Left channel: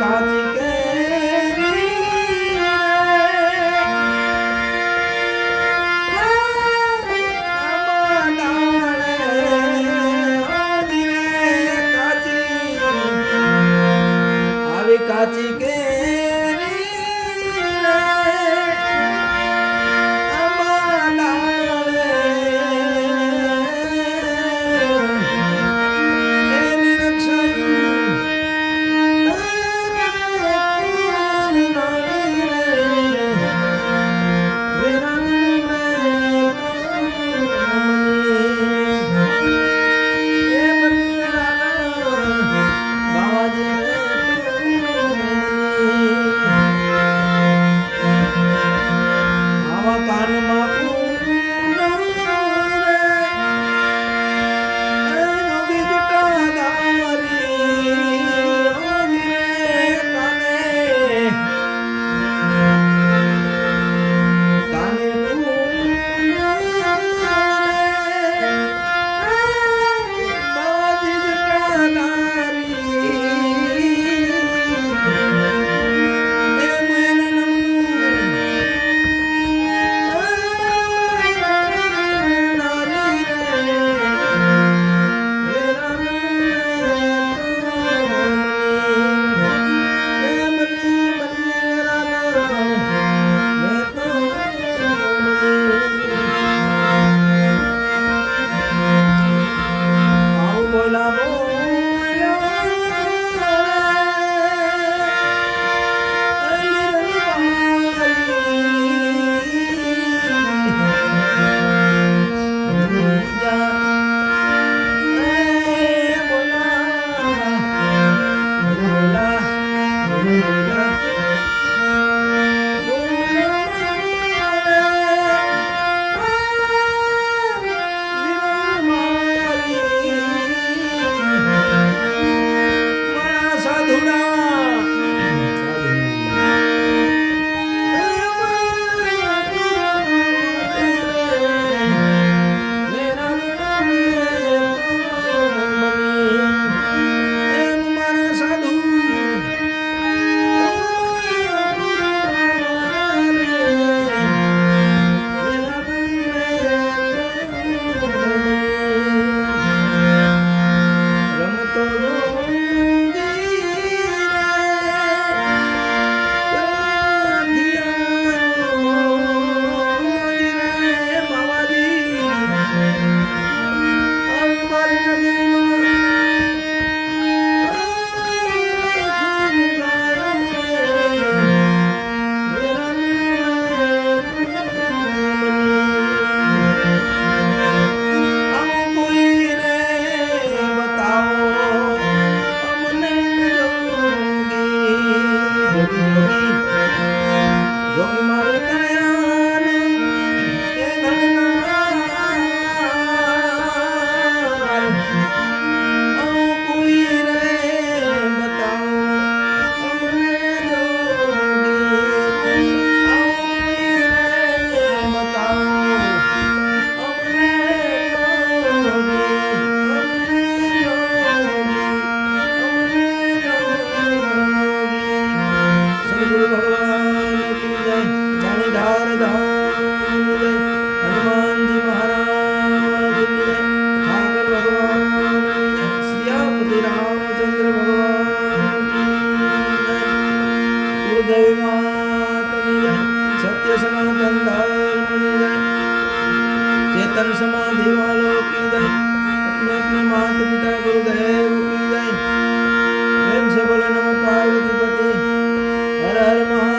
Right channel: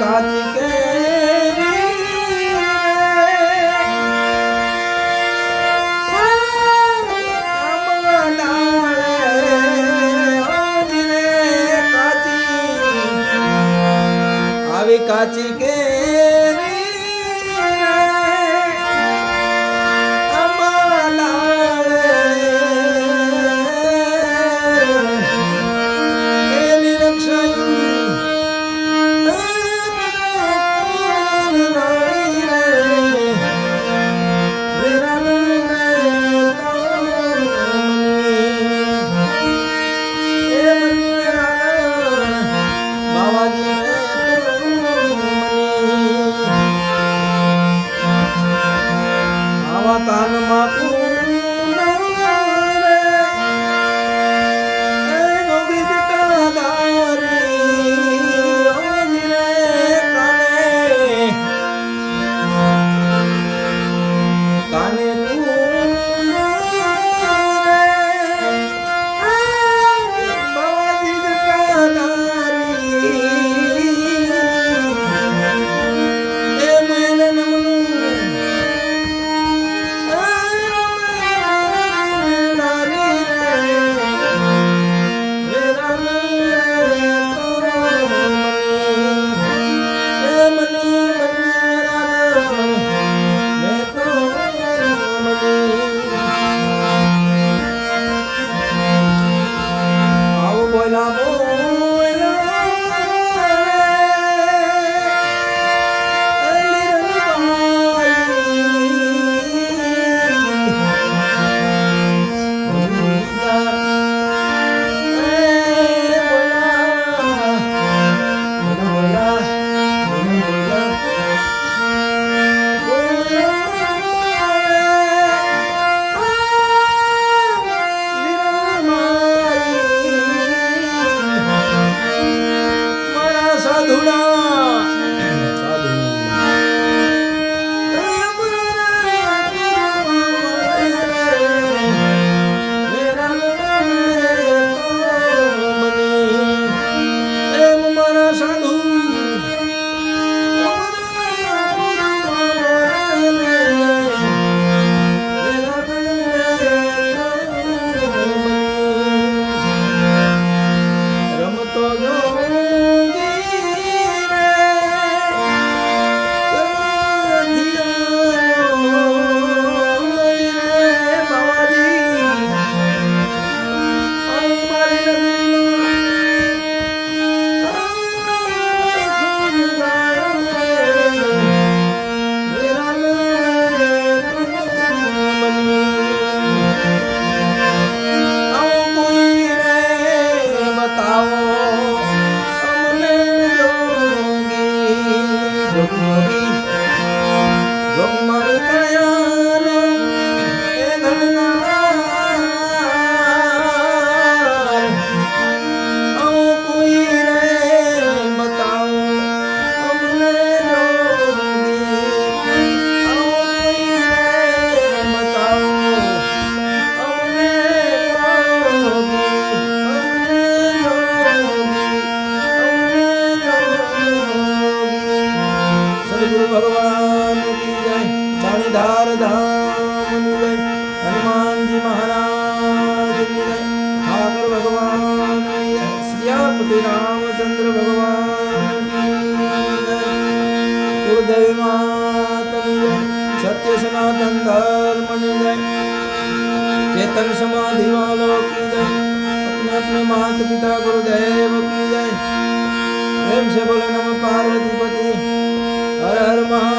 કાચી કેરી કાચી કેરી એની કાનમાં બોલા જોગી મારે કયાનો એ ધનનાર આવું કોઈ રે બતાવો અમને જોગી આવું કોઈ રે બતાવો અમને જોગી અમને જોગી સદગુરુ ભગવાન की जय धार धाम की जय हनुमान जी महाराज की जय ठाकर भगवान की जय सियापति रामचंद्र भगवान की जय गुरुदेव माता की जय सत्य सनातन धर्म की जय चेतन समाधि वालों की जय अपने अपने माता पिता गुरुदेव की जय प्रेम से बोले नमः पार्वती पति हर हर महा